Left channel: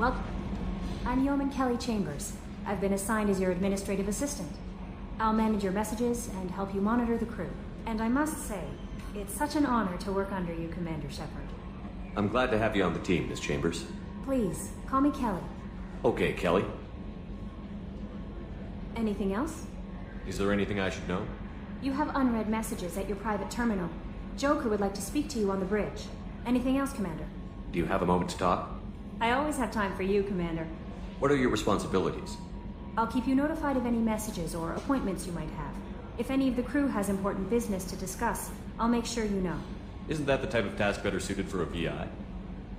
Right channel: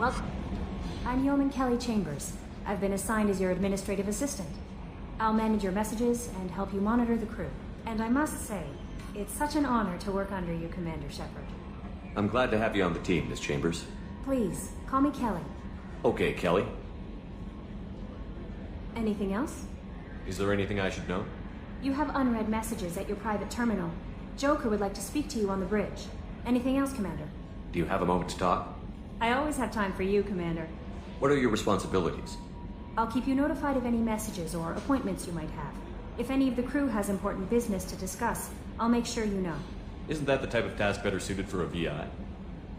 Well, I'm Yeoman Kelly Chambers. I've been assigned as your administrative assistant. I'll manage your messages and help you monitor the crew. And I must say, it's such an honor to work under you, Commander Shepard. I'm glad to have you on the team, Miss Chambers. Please, call me Kelly. Okay, Kelly. Anything else? Is there anything I should know? You have unread messages at your private terminal. Joker would like to speak to you on the bridge. Anything else, Commander? Do you have a moment to talk? I always have time for you, Commander. What are your responsibilities? I'll keep you notified of any messages or appointments you might have. If any of the crew has important business to discuss, I'll make sure you know. Isn't that the type of task better suited for a VI?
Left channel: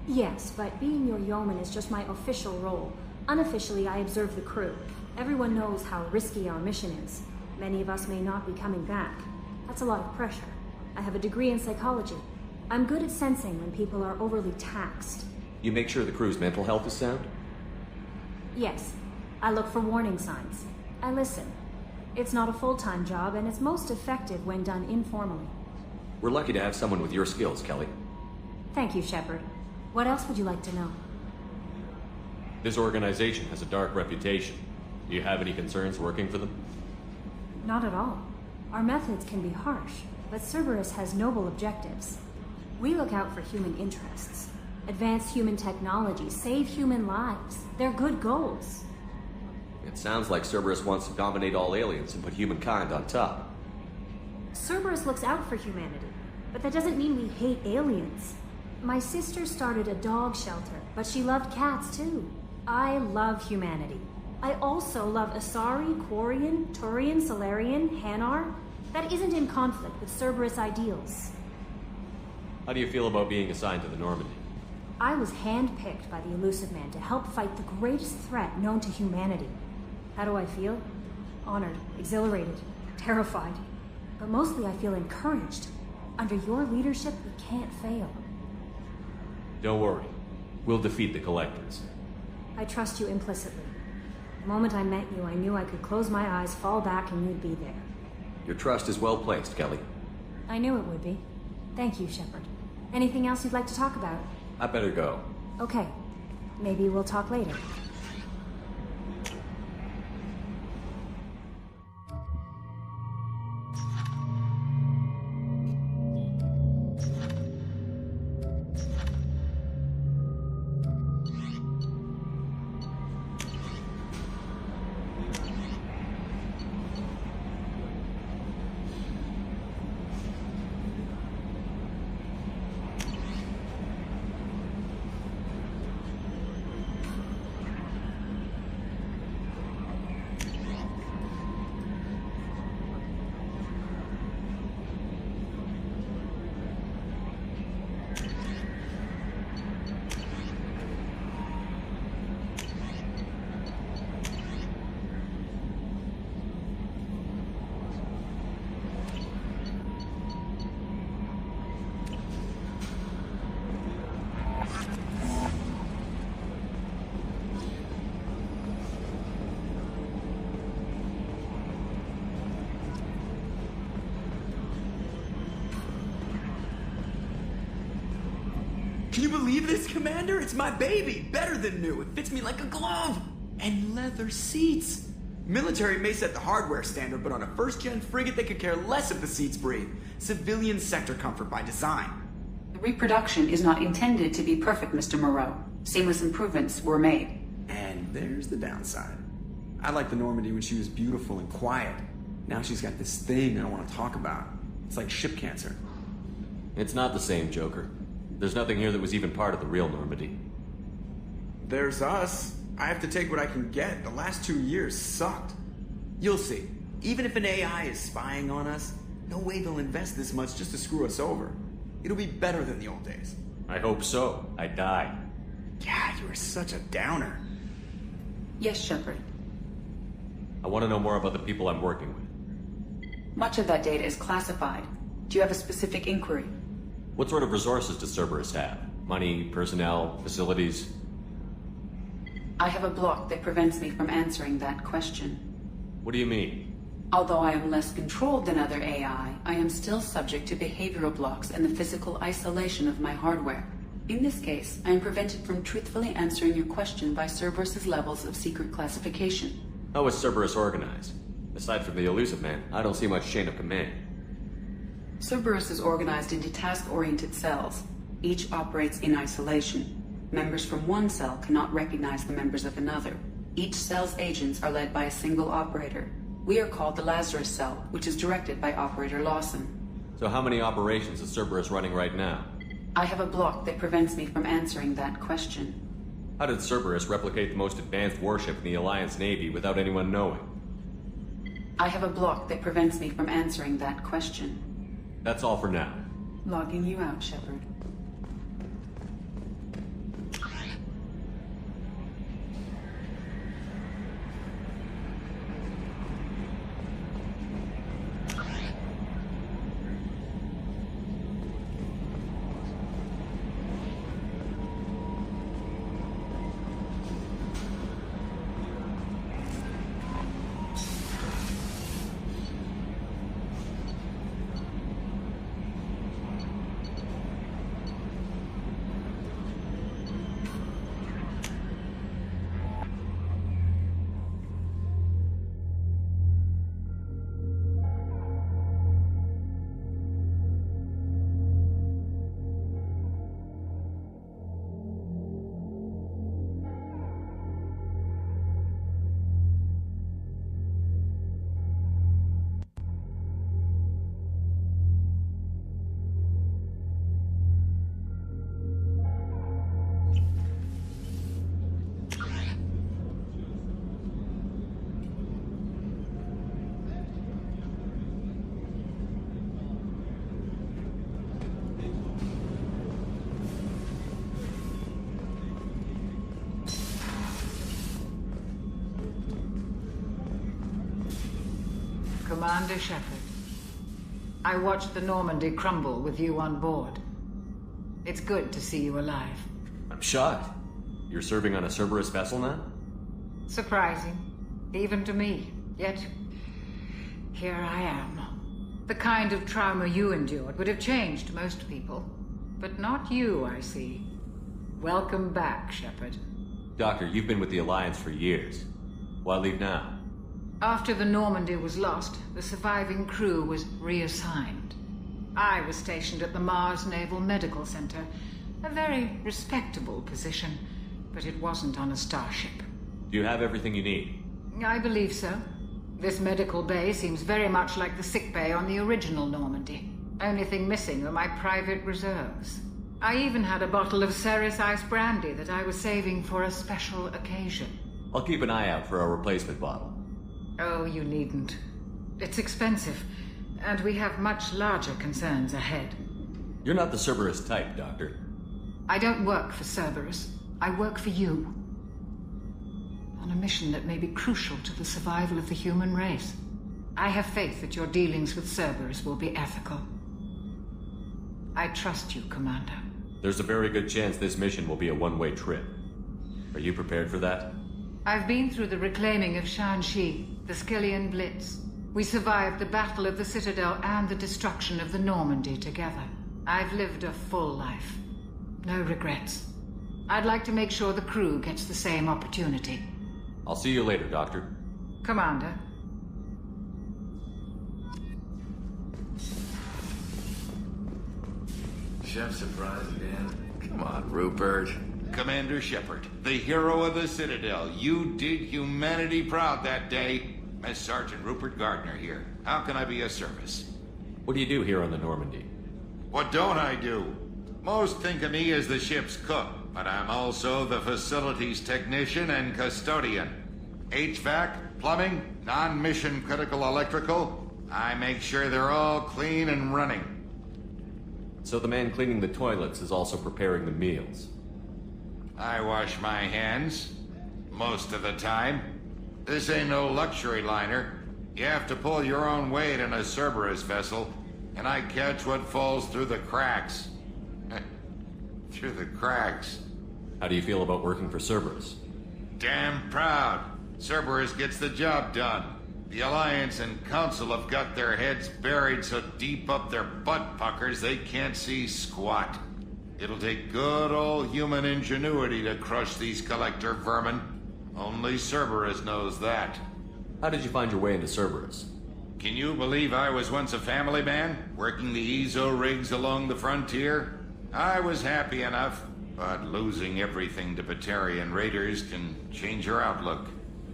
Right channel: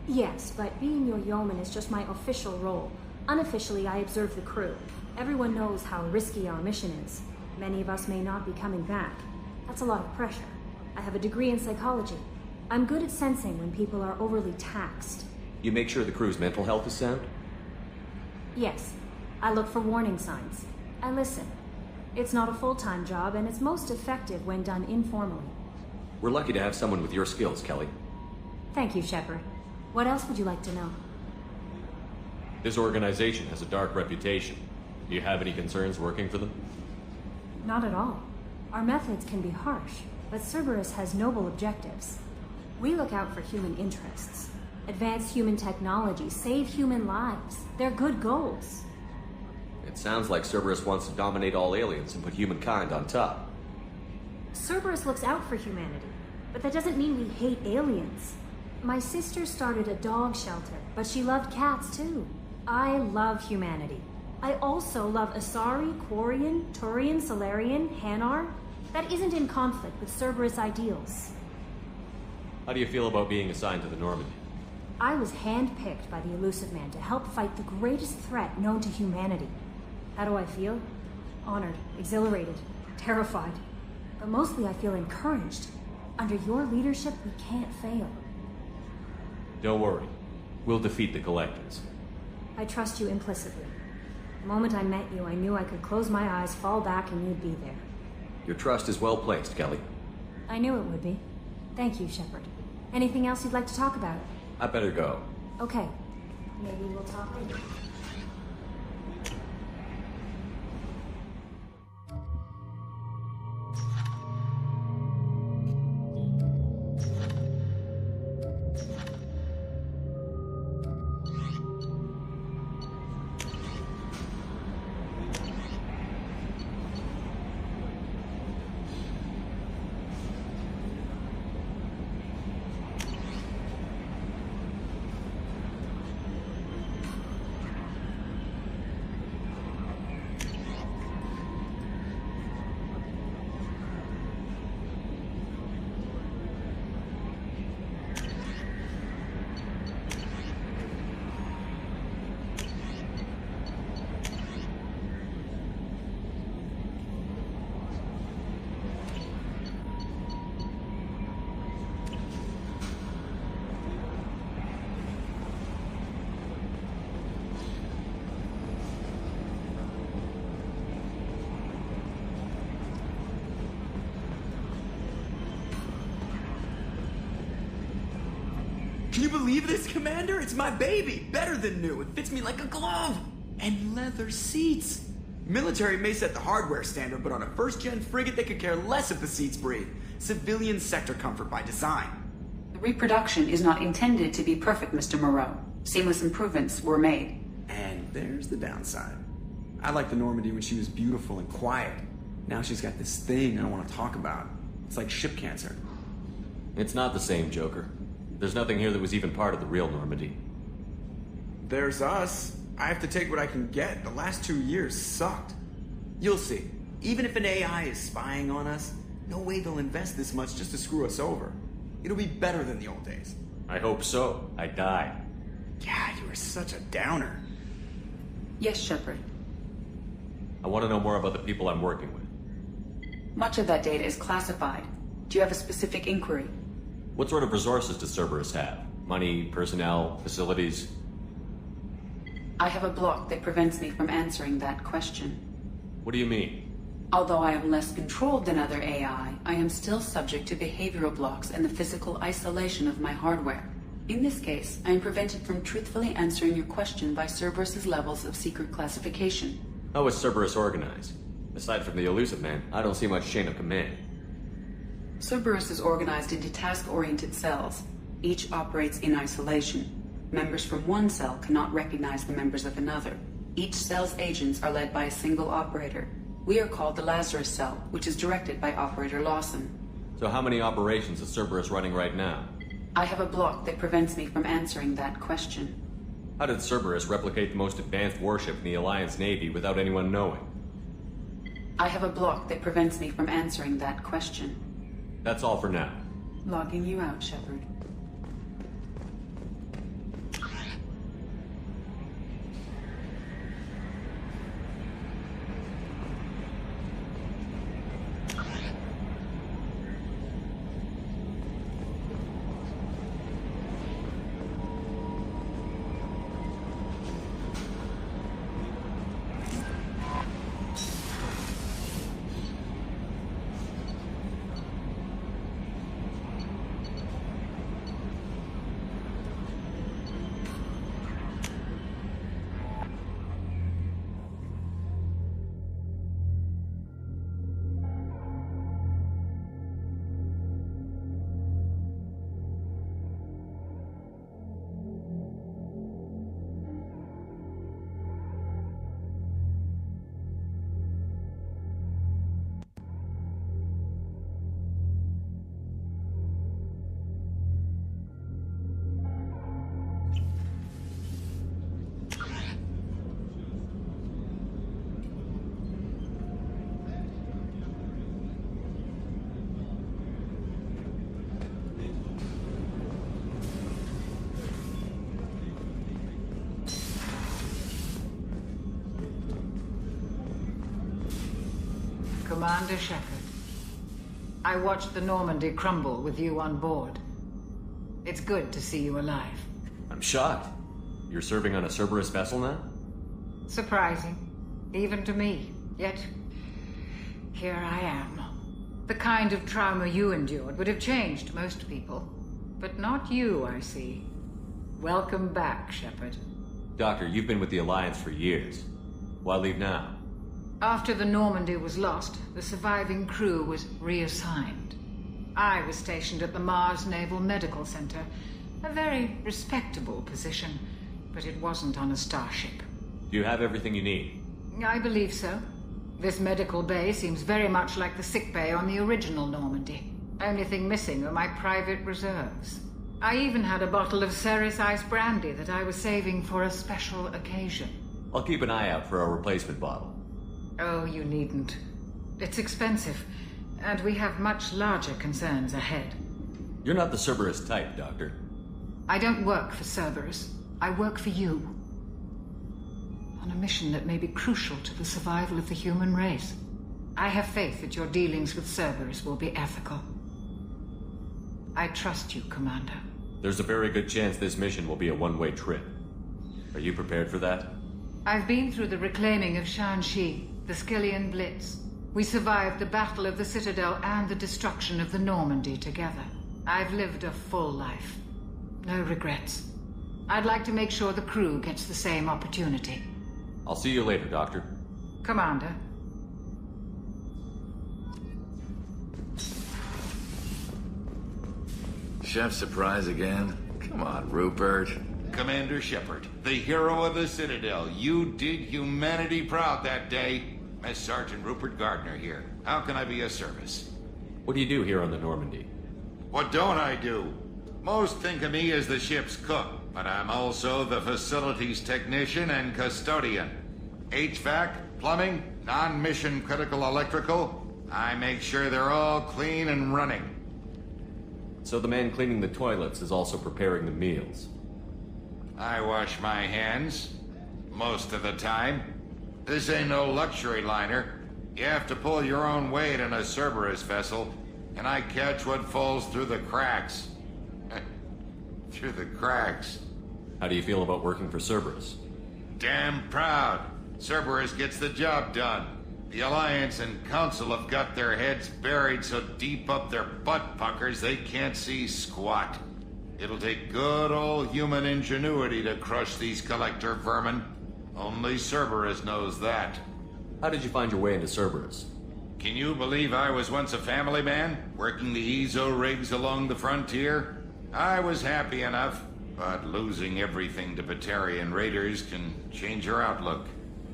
Yes, but being your yeoman is just my official role. Unofficially, I observe the crew. Everyone knows how risky our mission is. Many of us may not be coming back. That's a lot of pressure. I have a degree in psychology. I'm good at sensing when people are overly taxed. You make sure the crew's mental health is sound? Yes. I look for warning signs. I listen. It's not a full-time job, and it's most effective when done informally. We're lucky to have someone with your skills, Kelly. Thank you, Shepard. What else would you like to know? This organization has a dark reputation. Do you have any concerns working for them? Not at all. Our methods can be harsh, but Cerberus has noble objectives. We look out for human interests. Advance human technology, save human lives. They're good goals. It sounds like Cerberus wants to dominate all aliens and put humankind on top. Cerberus looks out for humanity, but that doesn't mean we hate aliens. My sister started a dog shelter, but she loved cats too. I love humanity. I also love Asari, Quarian, Turian, Solarian, Hanar. That isn't in conflict with Cerberus ideals. How do you feel about being assigned to the Normandy? I was handpicked by the Elusive Man to help fight the greatest threat known to humanity. How do I feel? Honored, exhilarated, terrified. But mostly I feel encouraged. Under your leadership, we can't fail. Don't worry. We'll defeat the Collectors. I trust you implicitly. The moment I met you, I knew I could close my eyes, fall back, and you'd be there. Your trust is well placed, Kelly. I knew it would be. Thank you, Shepard. Anything else you'd like to talk about? I better go. Okay. Maybe we'll talk later. Can you believe this, Commander? It's my baby! Better than new. It fits me like a glove! And leather seats! Military may set the hardware standard, but on a first-gen frigate, they could care less if the seats breathe. Civilian sector comfort by design. The reproduction is not intended to be perfect, Mr. Moreau. Seamless improvements were made. And there's the downside. I liked the Normandy when she was beautiful and quiet. Now she's got this thing I don't want to talk about. It's like ship cancer. It's not the same, Joker. There's nothing here that was even part of the real Normandy. There's us. I have to take what I can get. The last 2 years sucked. You'll see. Even if an AI is spying on us, no way they'll invest this much just to screw us over. It'll be better than the old days. I hope so. I died. God, you are such a downer. Yes, Shepard. I want to know more about the people I'm working with. Much of that data is classified. Do you have a specific inquiry? What sort of resources does Cerberus have? Money, personnel, facilities? I have a block that prevents me from answering that question. What do you mean? Although I am less controlled than other AI, I am still subject to behavioral blocks and the physical isolation of my hardware. In this case, I am prevented from truthfully answering your question by Cerberus's levels of secret classification. How is Cerberus organized? Aside from the elusive man, I don't see much chain of command. Cerberus is organized into task-oriented cells. Each operates in isolation. Members from one cell cannot recognize the members of another. Each cell's agents are led by a single operator. We are called the Lazarus Cell, which is directed by Operator Lawson. So how many operations is Cerberus running right now? I have a block that prevents me from answering that question. How did Cerberus replicate the most advanced warship in the Alliance Navy without anyone knowing? I have a block that prevents me from answering that question. That's all for now. Logging you out, Shepard. Commander Shepard, I watched the Normandy crumble with you on board. It's good to see you alive. I'm shocked. You're serving on a Cerberus vessel now? Surprising, even to me. Yet, here I am. The kind of trauma you endured would have changed most people. But not you, I see. Welcome back, Shepard. Doctor, you've been with the Alliance for years. Why leave now? After the Normandy was lost, the surviving crew was reassigned. I was stationed at the Mars Naval Medical Center, a very respectable position, but it wasn't on a starship. Do you have everything you need? I believe so. This medical bay seems very much like the sick bay on the original Normandy. Only thing missing are my private reserves. I even had a bottle of Ceres Ice Brandy that I was saving for a special occasion. I'll keep an eye out for a replacement bottle. Oh, you needn't. It's expensive, and we have much larger concerns ahead. You're not the Cerberus type, Doctor. I don't work for Cerberus. I work for you. On a mission that may be crucial to the survival of the human race. I have faith that your dealings with Cerberus will be ethical. I trust you, Commander. There's a very good chance this mission will be a one-way trip. Are you prepared for that? I've been through the reclaiming of Shanxi, the Skillian Blitz. We survived the Battle of the Citadel and the destruction of the Normandy together. I've lived a full life. No regrets. I'd like to make sure the crew gets the same opportunity. I'll see you later, Doctor. Commander. Chef surprise again? Commander Shepard, the hero of the Citadel. You did humanity proud that day. Mess Sergeant Rupert Gardner here. How can I be of service? What do you do here on the Normandy? What don't I do? Most think of me as the ship's cook, but I'm also the facilities technician and custodian. HVAC, plumbing, non-mission critical electrical. I make sure they're all clean and running. So the man cleaning the toilets is also preparing the meals. I wash my hands. Most of the time. This ain't no luxury liner. You have to pull your own weight in a Cerberus vessel, and I catch what falls through the cracks. Through the cracks. How do you feel about working for Cerberus? Damn proud. Cerberus gets the job done. The Alliance and Council have got their heads buried so deep up their butt puckers they can't see squat. It'll take good old human ingenuity to crush these collector vermin. Only Cerberus knows that. How did you find your way into Cerberus? Can you believe I was once a family man, working the Ezo rigs along the frontier? I was happy enough, but losing everything to Batarian raiders can change your outlook.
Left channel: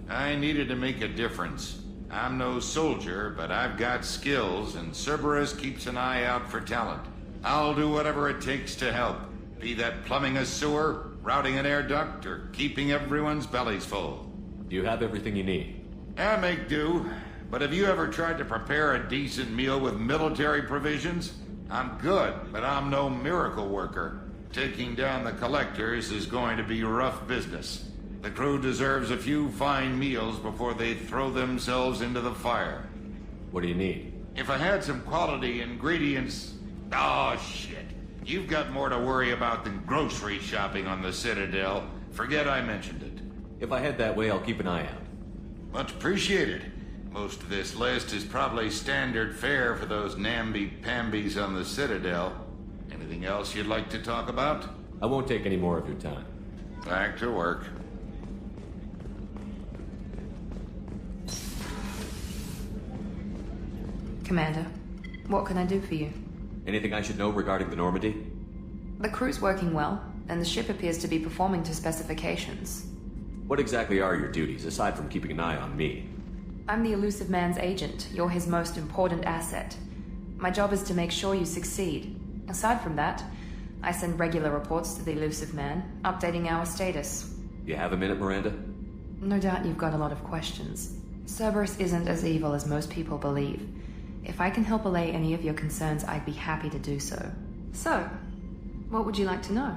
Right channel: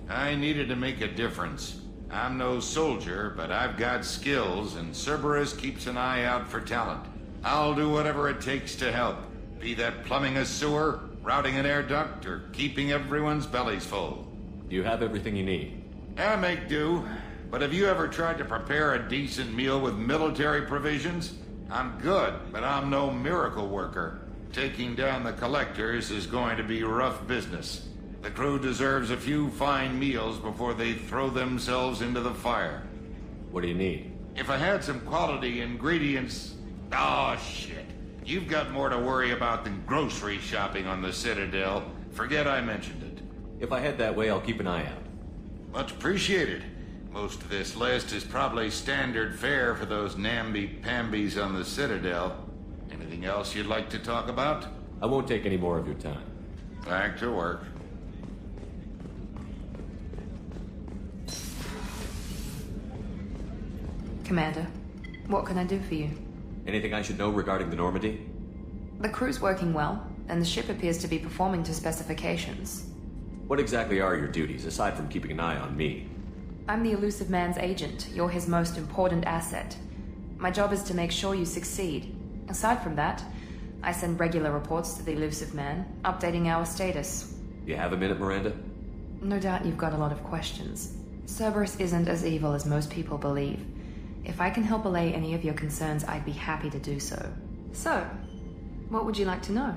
I needed to make a difference. I'm no soldier, but I've got skills, and Cerberus keeps an eye out for talent. I'll do whatever it takes to help, be that plumbing a sewer, routing an air duct, or keeping everyone's bellies full. Do you have everything you need? I make do, but have you ever tried to prepare a decent meal with military provisions? I'm good, but I'm no miracle worker. Taking down the collectors is going to be rough business. The crew deserves a few fine meals before they throw themselves into the fire. What do you need? If I had some quality ingredients... Oh, shit. You've got more to worry about than grocery shopping on the Citadel. Forget I mentioned it. If I head that way, I'll keep an eye out. Much appreciated. Most of this list is probably standard fare for those namby-pambies on the Citadel. Anything else you'd like to talk about? I won't take any more of your time. Back to work. Commander, what can I do for you? Anything I should know regarding the Normandy? The crew's working well, and the ship appears to be performing to specifications. What exactly are your duties, aside from keeping an eye on me? I'm the Elusive Man's agent. You're his most important asset. My job is to make sure you succeed. Aside from that, I send regular reports to the Elusive Man, updating our status. You have a minute, Miranda? No doubt you've got a lot of questions. Cerberus isn't as evil as most people believe. If I can help allay any of your concerns, I'd be happy to do so. So, what would you like to know?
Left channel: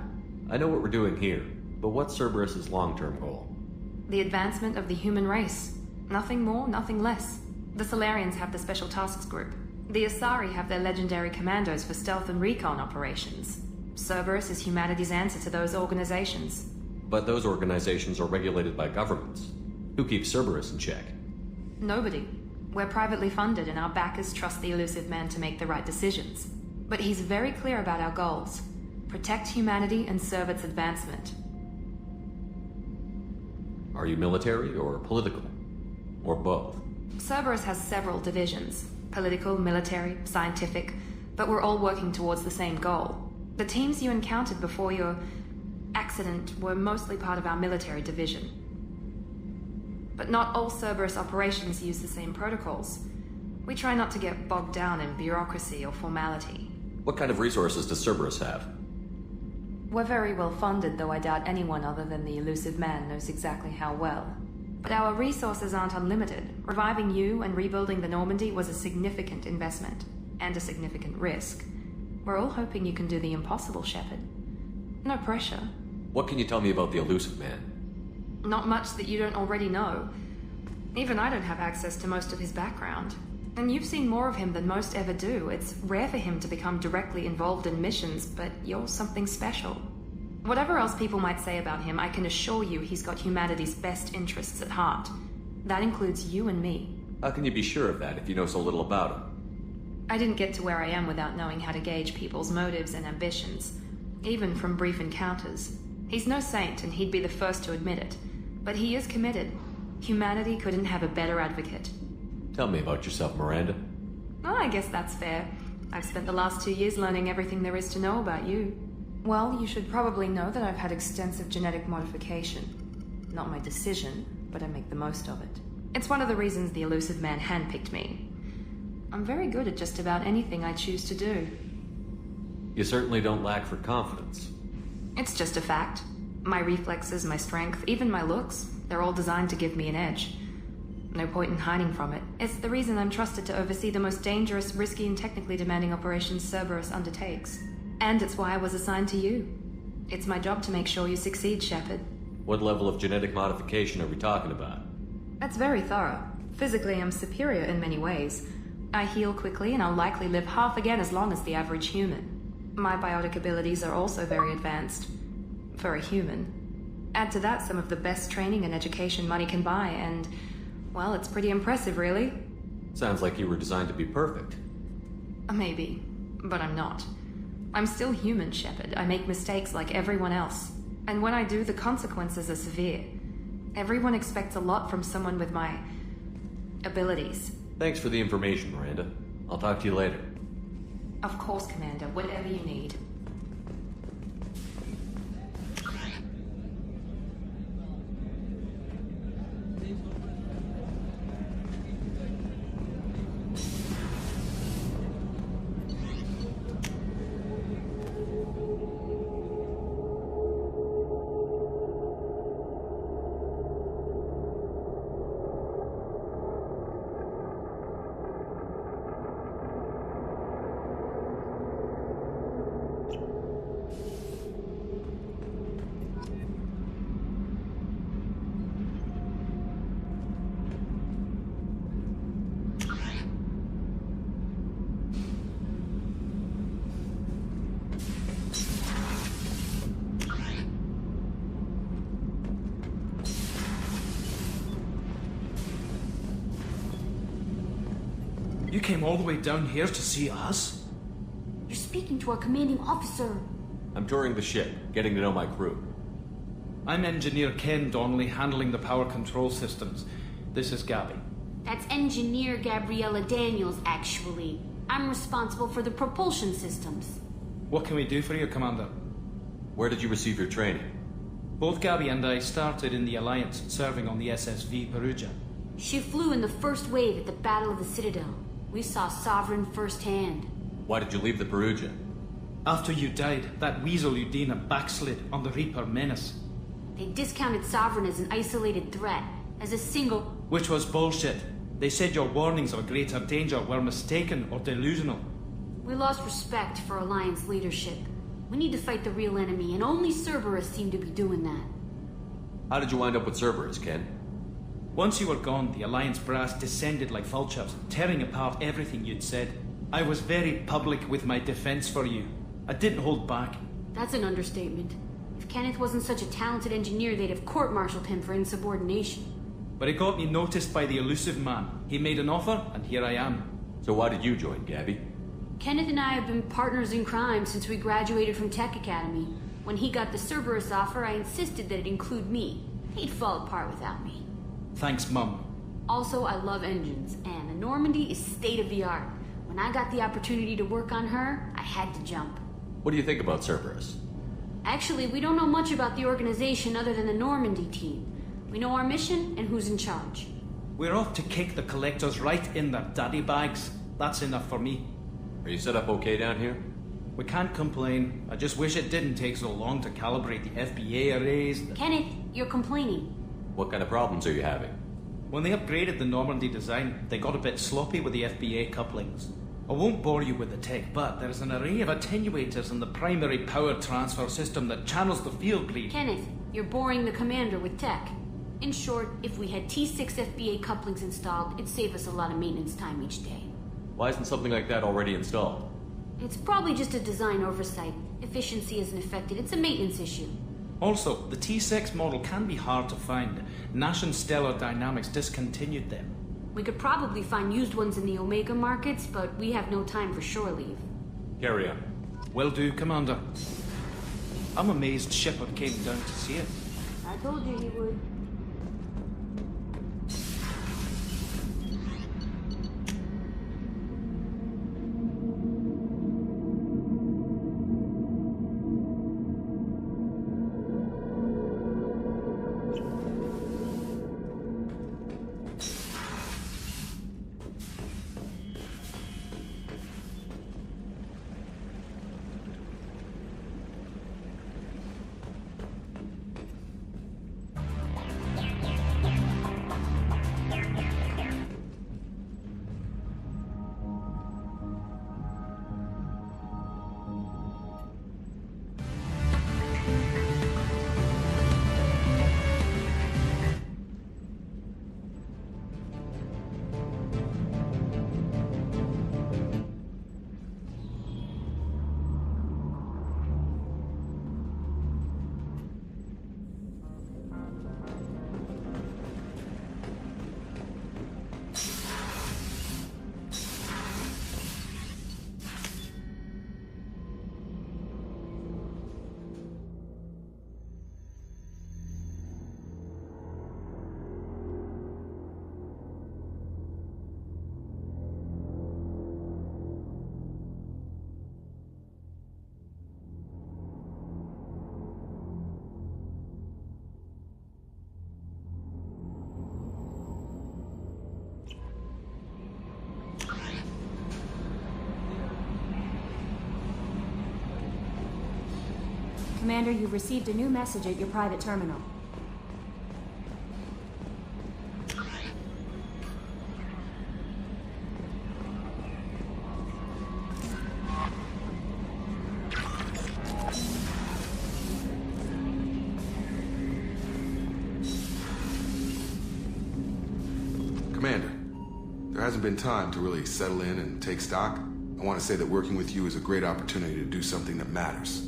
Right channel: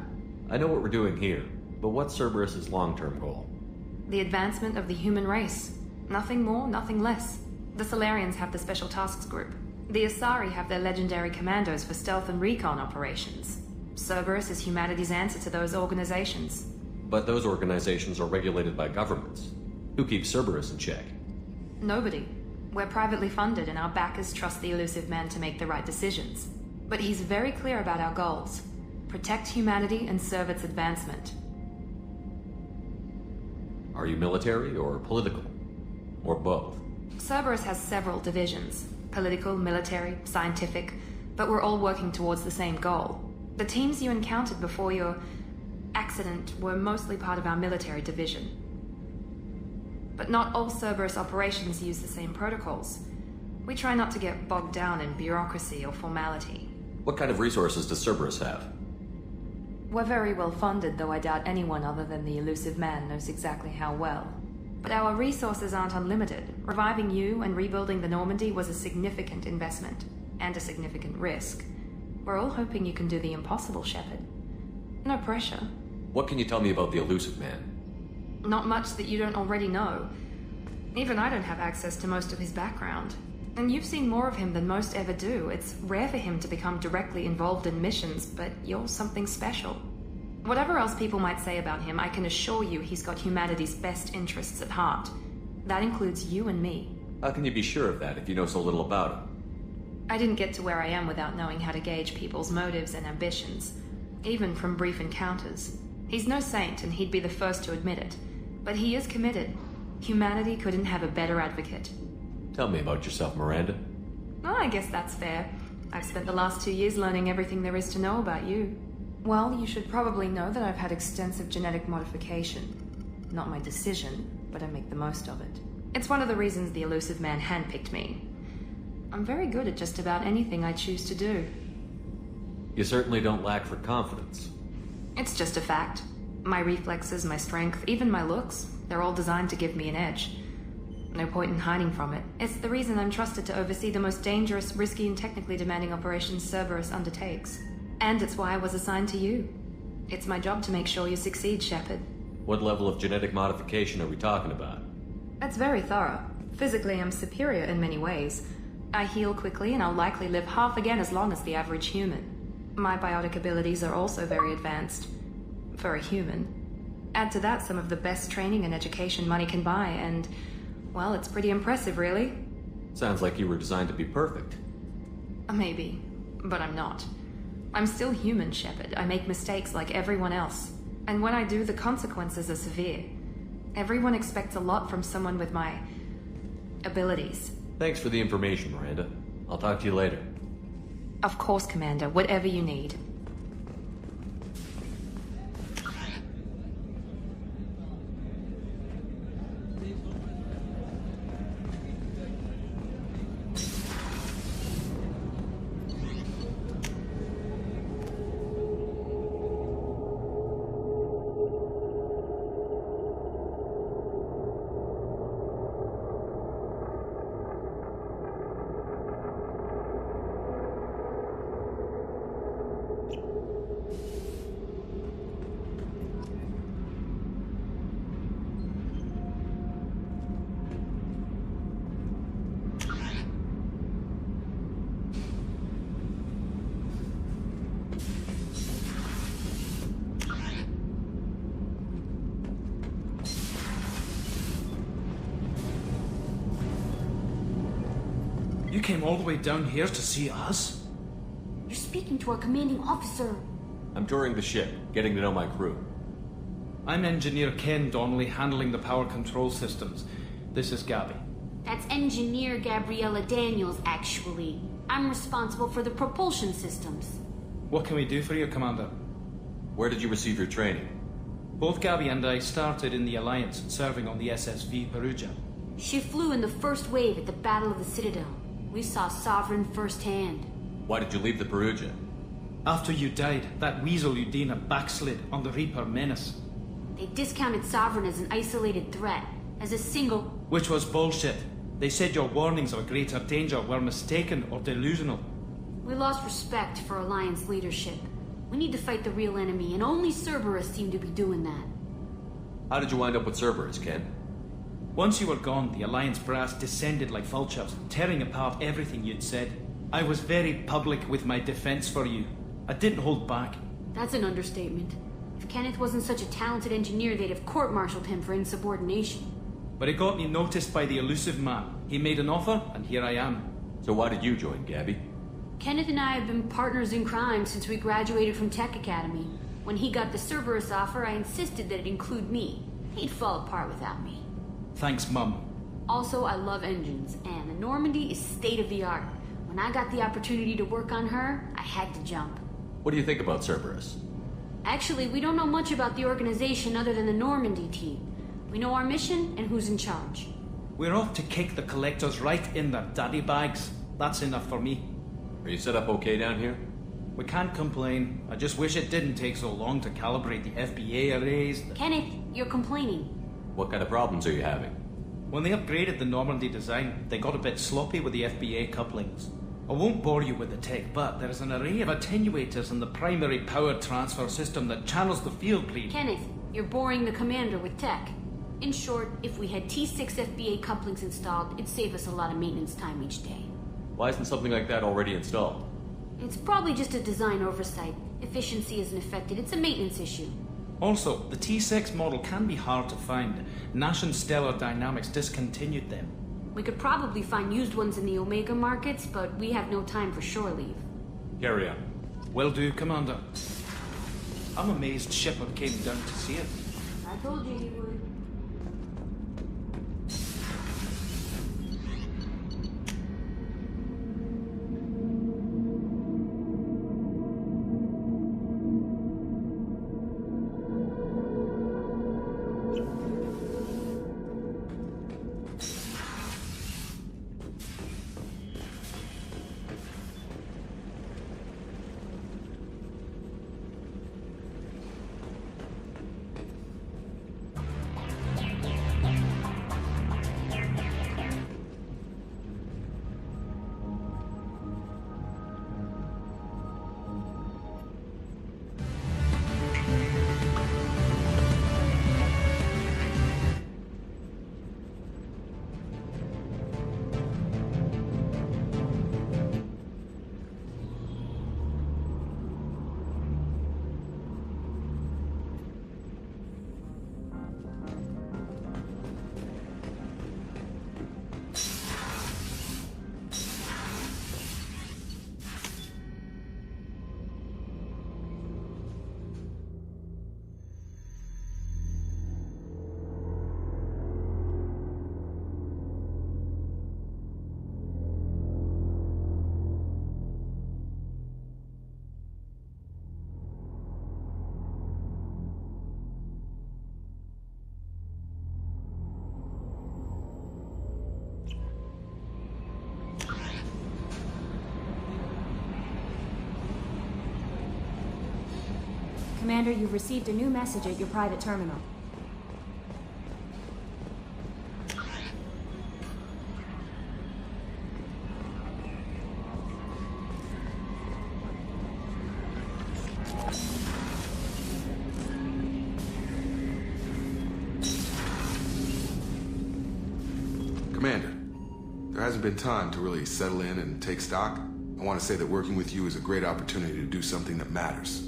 I know what we're doing here, but what's Cerberus's long-term goal? The advancement of the human race. Nothing more, nothing less. The Solarians have the Special Tasks Group. The Asari have their legendary commandos for stealth and recon operations. Cerberus is humanity's answer to those organizations. But those organizations are regulated by governments. Who keeps Cerberus in check? Nobody. We're privately funded, and our backers trust the Elusive Man to make the right decisions. But he's very clear about our goals. Protect humanity and serve its advancement. Are you military or political? Or both? Cerberus has several divisions. Political, military, scientific, but we're all working towards the same goal. The teams you encountered before your accident were mostly part of our military division. But not all Cerberus operations use the same protocols. We try not to get bogged down in bureaucracy or formality. What kind of resources does Cerberus have? We're very well funded, though I doubt anyone other than the Elusive Man knows exactly how well. But our resources aren't unlimited. Reviving you and rebuilding the Normandy was a significant investment, and a significant risk. We're all hoping you can do the impossible, Shepard. No pressure. What can you tell me about the Elusive Man? Not much that you don't already know. Even I don't have access to most of his background. And you've seen more of him than most ever do. It's rare for him to become directly involved in missions, but you're something special. Whatever else people might say about him, I can assure you he's got humanity's best interests at heart. That includes you and me. How can you be sure of that if you know so little about him? I didn't get to where I am without knowing how to gauge people's motives and ambitions, even from brief encounters. He's no saint, and he'd be the first to admit it. But he is committed. Humanity couldn't have a better advocate. Tell me about yourself, Miranda. Oh, I guess that's fair. I've spent the last 2 years learning everything there is to know about you. Well, you should probably know that I've had extensive genetic modification. Not my decision, but I make the most of it. It's one of the reasons the Elusive Man handpicked me. I'm very good at just about anything I choose to do. You certainly don't lack for confidence. It's just a fact. My reflexes, my strength, even my looks, they're all designed to give me an edge. No point in hiding from it. It's the reason I'm trusted to oversee the most dangerous, risky, and technically demanding operations Cerberus undertakes. And it's why I was assigned to you. It's my job to make sure you succeed, Shepard. What level of genetic modification are we talking about? That's very thorough. Physically, I'm superior in many ways. I heal quickly, and I'll likely live half again as long as the average human. My biotic abilities are also very advanced. For a human. Add to that some of the best training and education money can buy, and... well, it's pretty impressive, really. Sounds like you were designed to be perfect. Maybe, but I'm not. I'm still human, Shepard. I make mistakes like everyone else. And when I do, the consequences are severe. Everyone expects a lot from someone with my abilities. Thanks for the information, Miranda. I'll talk to you later. Of course, Commander. Whatever you need. You came all the way down here to see us? You're speaking to our commanding officer. I'm touring the ship, getting to know my crew. I'm Engineer Ken Donnelly, handling the power control systems. This is Gabby. That's Engineer Gabriella Daniels, actually. I'm responsible for the propulsion systems. What can we do for you, Commander? Where did you receive your training? Both Gabby and I started in the Alliance, serving on the SSV Perugia. She flew in the first wave at the Battle of the Citadel. We saw Sovereign firsthand. Why did you leave the Perugia? After you died, that weasel Udina backslid on the Reaper menace. They discounted Sovereign as an isolated threat, as a single... Which was bullshit. They said your warnings of a greater danger were mistaken or delusional. We lost respect for Alliance leadership. We need to fight the real enemy, and only Cerberus seemed to be doing that. How did you wind up with Cerberus, Ken? Once you were gone, the Alliance brass descended like vultures, tearing apart everything you'd said. I was very public with my defense for you. I didn't hold back. That's an understatement. If Kenneth wasn't such a talented engineer, they'd have court-martialed him for insubordination. But it got me noticed by the elusive man. He made an offer, and here I am. So why did you join, Gabby? Kenneth and I have been partners in crime since we graduated from Tech Academy. When he got the Cerberus offer, I insisted that it include me. He'd fall apart without me. Thanks, Mum. Also, I love engines, and the Normandy is state-of-the-art. When I got the opportunity to work on her, I had to jump. What do you think about Cerberus? Actually, we don't know much about the organization other than the Normandy team. We know our mission and who's in charge. We're off to kick the Collectors right in their daddy bags. That's enough for me. Are you set up okay down here? We can't complain. I just wish it didn't take so long to calibrate the FBA arrays. Kenneth, you're complaining. What kind of problems are you having? When they upgraded the Normandy design, they got a bit sloppy with the FBA couplings. I won't bore you with the tech, but there is an array of attenuators in the primary power transfer system that channels the field bleed. Kenneth, you're boring the commander with tech. In short, if we had T6 FBA couplings installed, it'd save us a lot of maintenance time each day. Why isn't something like that already installed? It's probably just a design oversight. Efficiency isn't affected, it's a maintenance issue. Also, the T6 model can be hard to find. Nash and Stellar Dynamics discontinued them. We could probably find used ones in the Omega markets, but we have no time for shore leave. Carry on. Will do, Commander. Commander, you've received a new message at your private terminal. Commander, there hasn't been time to really settle in and take stock. I want to say that working with you is a great opportunity to do something that matters.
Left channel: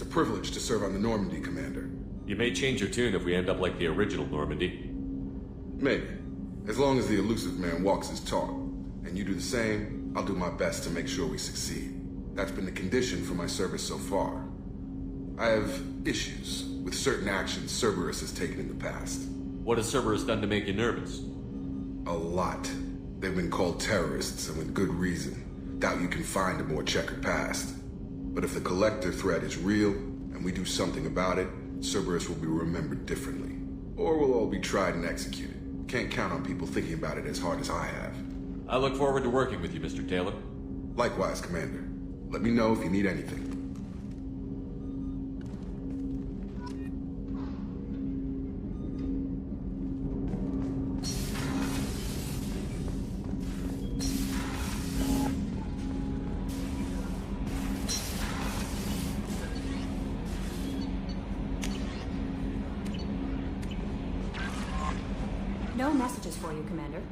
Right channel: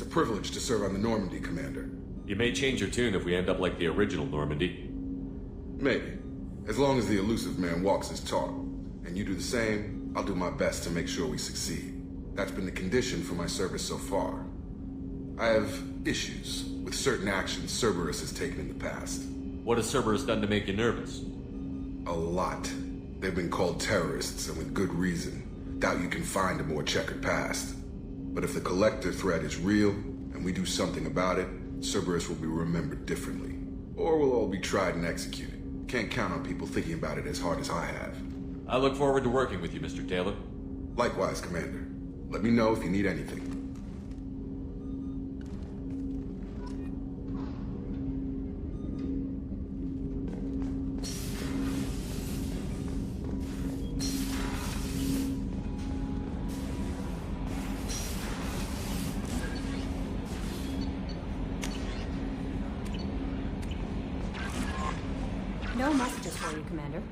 It's a privilege to serve on the Normandy, Commander. You may change your tune if we end up like the original Normandy. Maybe. As long as the elusive man walks his talk, and you do the same, I'll do my best to make sure we succeed. That's been the condition for my service so far. I have issues with certain actions Cerberus has taken in the past. What has Cerberus done to make you nervous? A lot. They've been called terrorists, and with good reason. Doubt you can find a more checkered past. But if the Collector threat is real, and we do something about it, Cerberus will be remembered differently. Or we'll all be tried and executed. Can't count on people thinking about it as hard as I have. I look forward to working with you, Mr. Taylor. Likewise, Commander. Let me know if you need anything. No messages for you, Commander.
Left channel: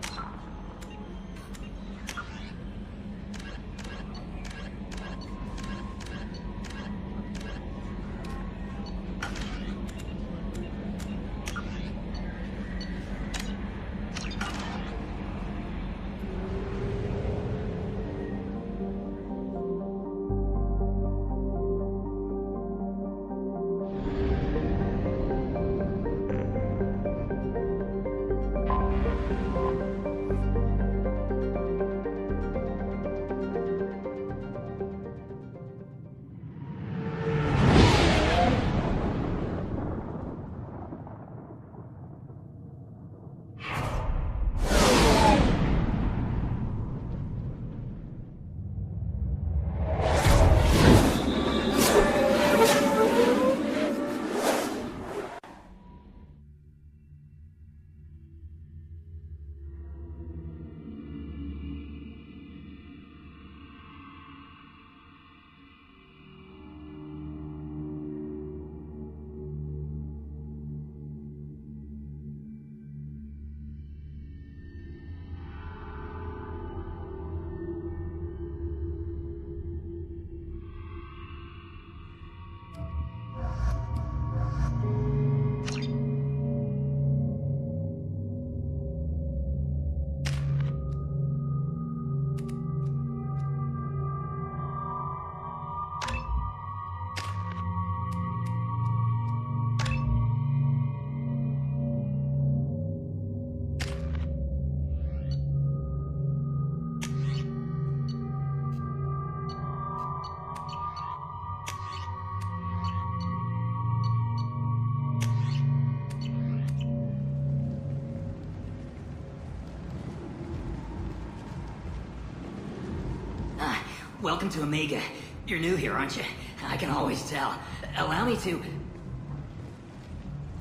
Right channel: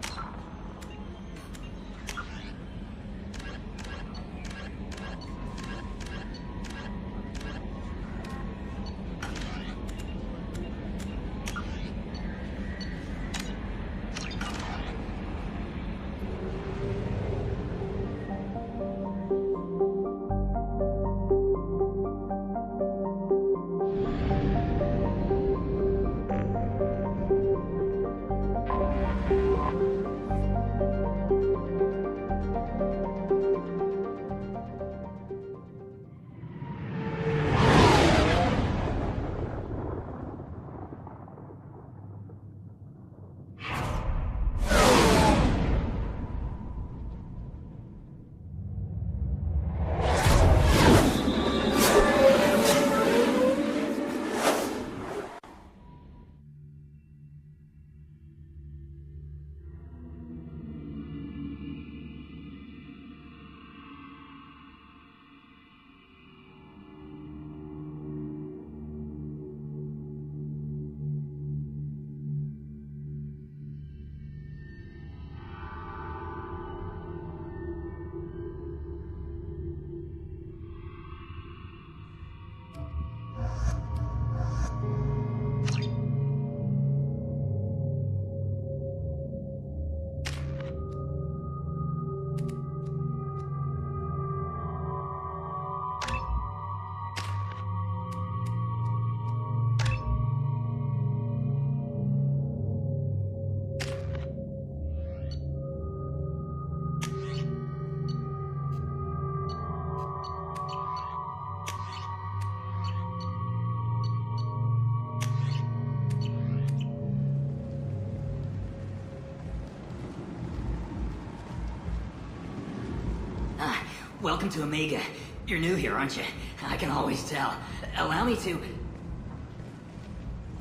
Welcome to Omega. You're new here, aren't you? I can always tell. Allow me to...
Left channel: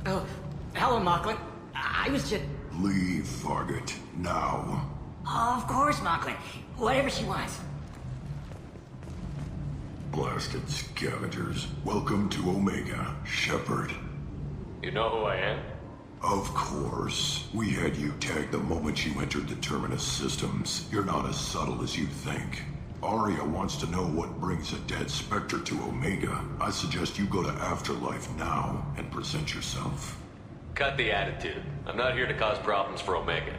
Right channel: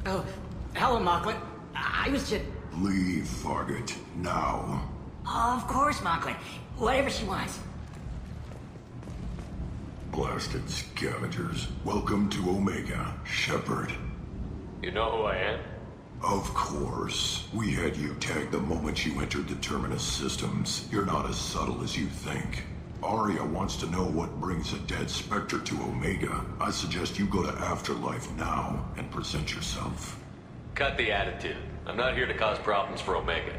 Oh, hello, Mocklin. I was just... Leave, Fargate, now. Of course, Mocklin. Whatever she wants. Blasted scavengers. Welcome to Omega, Shepard. You know who I am? Of course. We had you tagged the moment you entered the Terminus systems. You're not as subtle as you think. Arya wants to know what brings a dead Spectre to Omega. I suggest you go to Afterlife now and present yourself. Cut the attitude. I'm not here to cause problems for Omega.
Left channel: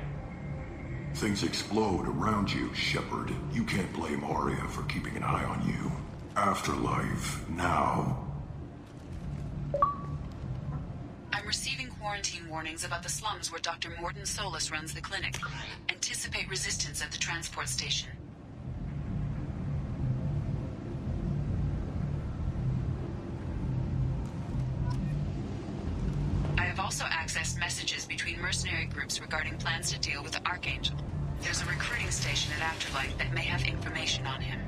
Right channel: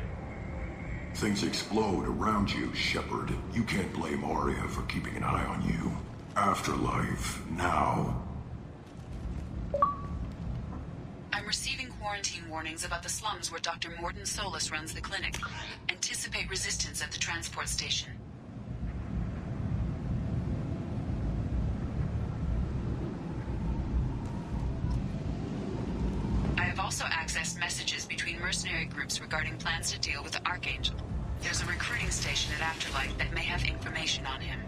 Things explode around you, Shepard. You can't blame Arya for keeping an eye on you. Afterlife, now. I'm receiving quarantine warnings about the slums where Dr. Mordin Solus runs the clinic. Anticipate resistance at the transport station. I have also accessed messages between mercenary groups regarding plans to deal with the Archangel. There's a recruiting station at Afterlife that may have information on him.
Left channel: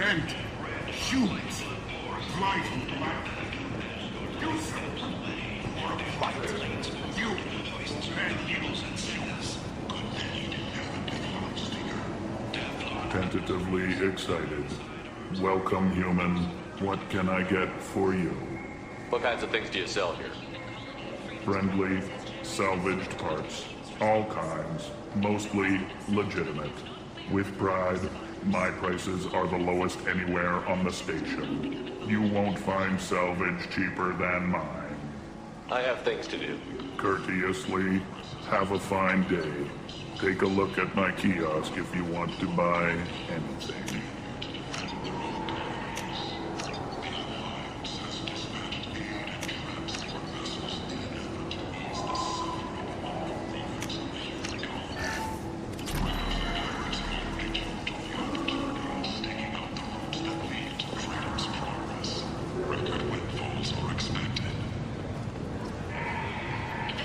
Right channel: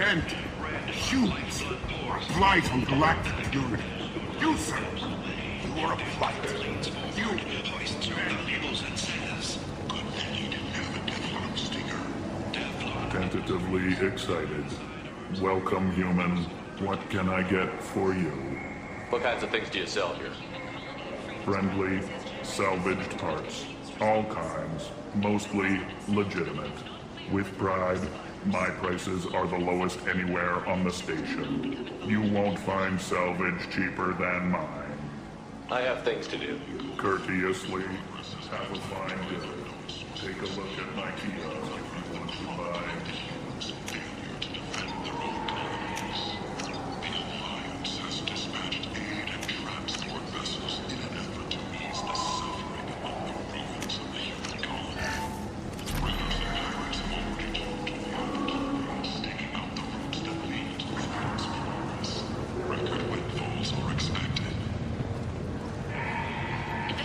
Bent. Humans. Blight on galactic purity. Do so. Tentatively excited. Welcome, human. What can I get for you? What kinds of things do you sell here? Friendly, salvaged parts. All kinds. Mostly legitimate. With pride, my prices are the lowest anywhere on the station. You won't find salvage cheaper than mine. I have things to do. Courteously, have a fine day. Take a look at my kiosk if you want to buy anything.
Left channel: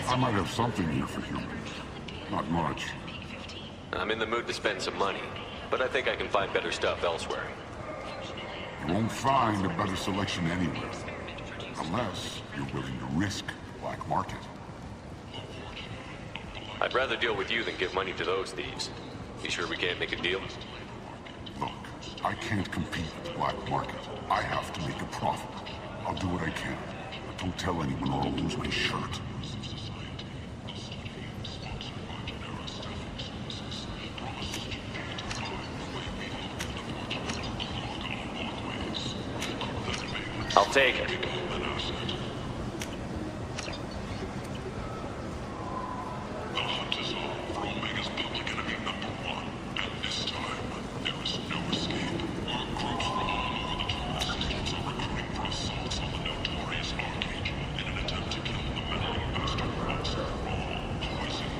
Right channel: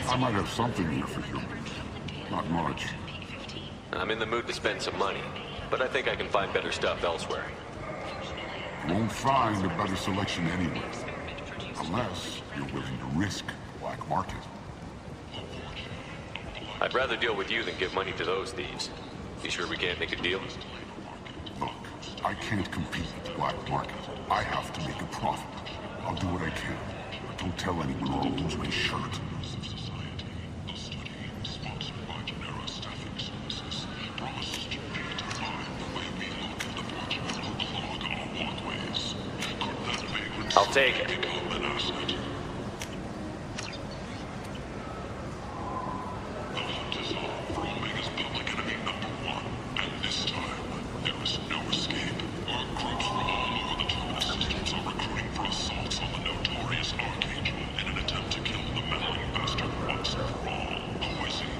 I might have something here for humans. Not much. I'm in the mood to spend some money, but I think I can find better stuff elsewhere. You won't find a better selection anywhere. Unless you're willing to risk the black market. I'd rather deal with you than give money to those thieves. You sure we can't make a deal? Look, I can't compete with the black market. I have to make a profit. I'll do what I can, but don't tell anyone or I'll lose my shirt. I'll take it. The hunt is on for Omega's public enemy #1, and this time, there's no escape. Groups from all over the Terminus stations are recruiting for assaults on the notorious Arcade in an attempt to kill the meddling bastard once and for all. Poison.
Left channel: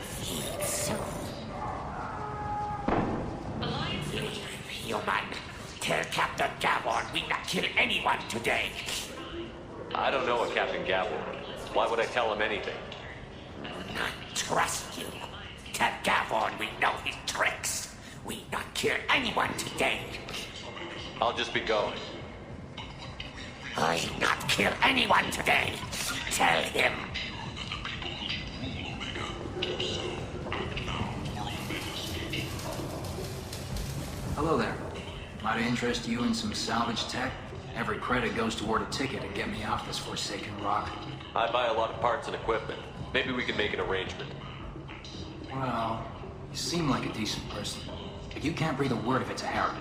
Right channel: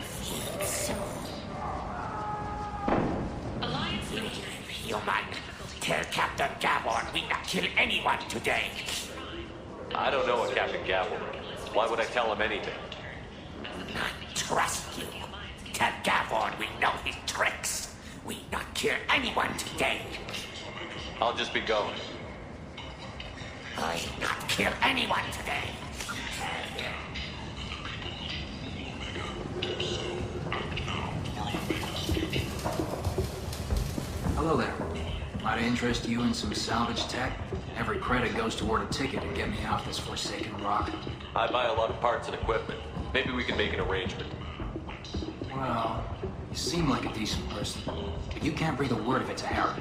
Feed soul. Human, tell Captain Gavon we not kill anyone today. I don't know a Captain Gavel. Why would I tell him anything? Not trust you. Tell Gavon we know his tricks. We not kill anyone today. I'll just be going. I not kill anyone today. Tell him. Hello there. Might I interest you in some salvage tech? Every credit goes toward a ticket to get me off this forsaken rock. I buy a lot of parts and equipment. Maybe we can make an arrangement. Well, you seem like a decent person, but you can't breathe a word of it to Harrod.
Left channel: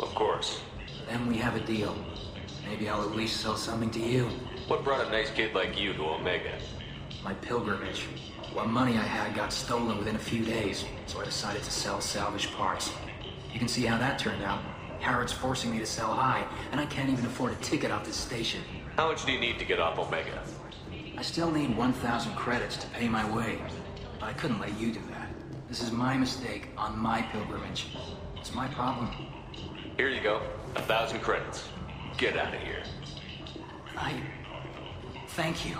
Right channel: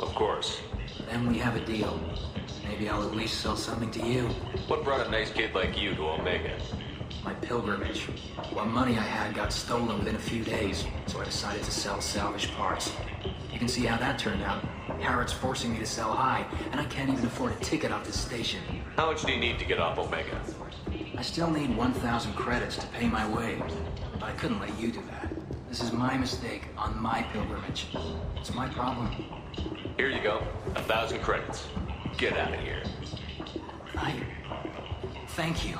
Of course. Then we have a deal. Maybe I'll at least sell something to you. What brought a nice kid like you to Omega? My pilgrimage. What money I had got stolen within a few days, so I decided to sell salvage parts. You can see how that turned out. Harrod's forcing me to sell high, and I can't even afford a ticket off this station. How much do you need to get off Omega? I still need 1,000 credits to pay my way, but I couldn't let you do that. This is my mistake on my pilgrimage. It's my problem. Here you go. 1,000 credits. Get out of here. Thank you.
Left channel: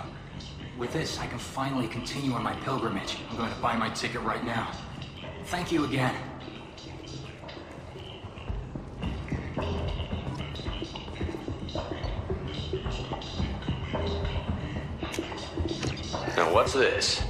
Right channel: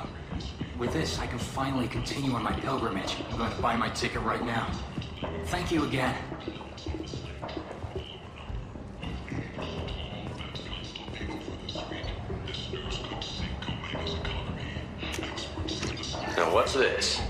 With this, I can finally continue on my pilgrimage. I'm going to buy my ticket right now. Thank you again. Now what's this?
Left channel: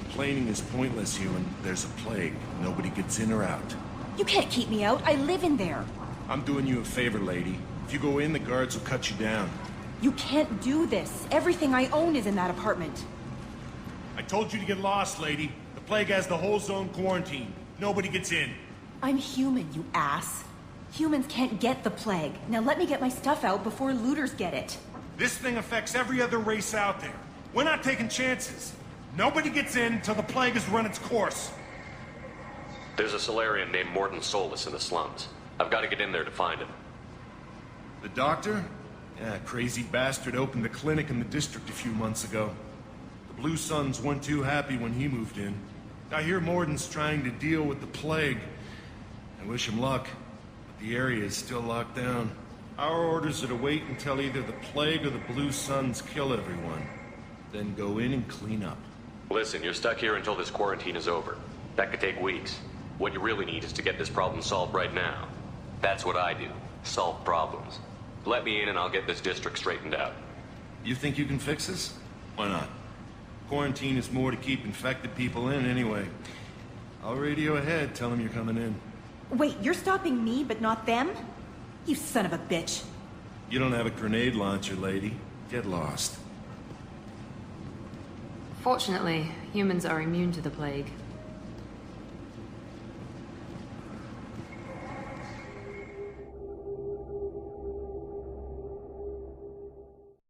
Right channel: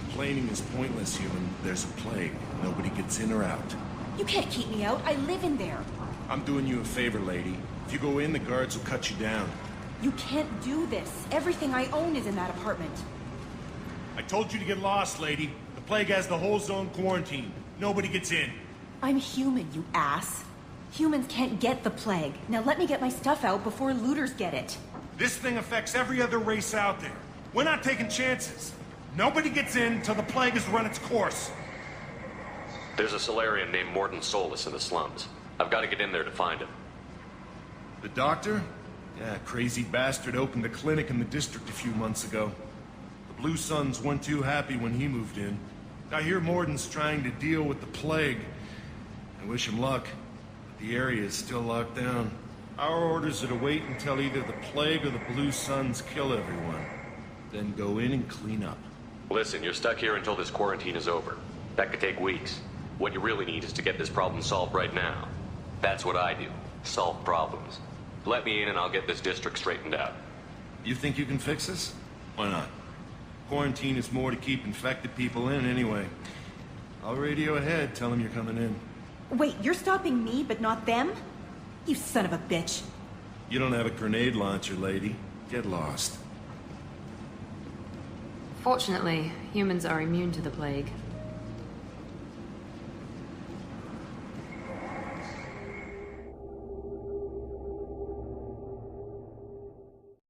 Complaining is pointless, human. There's a plague. Nobody gets in or out. You can't keep me out. I live in there. I'm doing you a favor, lady. If you go in, the guards will cut you down. You can't do this. Everything I own is in that apartment. I told you to get lost, lady. The plague has the whole zone quarantined. Nobody gets in. I'm human, you ass. Humans can't get the plague. Now let me get my stuff out before looters get it. This thing affects every other race out there. We're not taking chances. Nobody gets in until the plague has run its course. There's a Solarian named Morton Solus in the slums. I've got to get in there to find him. The doctor? Yeah, crazy bastard opened a clinic in the district a few months ago. The Blue Suns weren't too happy when he moved in. I hear Morton's trying to deal with the plague. I wish him luck, but the area is still locked down. Our orders are to wait until either the plague or the Blue Suns kill everyone. Then go in and clean up. Listen, you're stuck here until this quarantine is over. That could take weeks. What you really need is to get this problem solved right now. That's what I do. Solve problems. Let me in and I'll get this district straightened out. You think you can fix this? Why not? Quarantine is more to keep infected people in anyway. I'll radio ahead, tell them you're coming in. Wait, you're stopping me, but not them? You son of a bitch. You don't have a grenade launcher, lady. Get lost. Fortunately, humans are immune to the plague.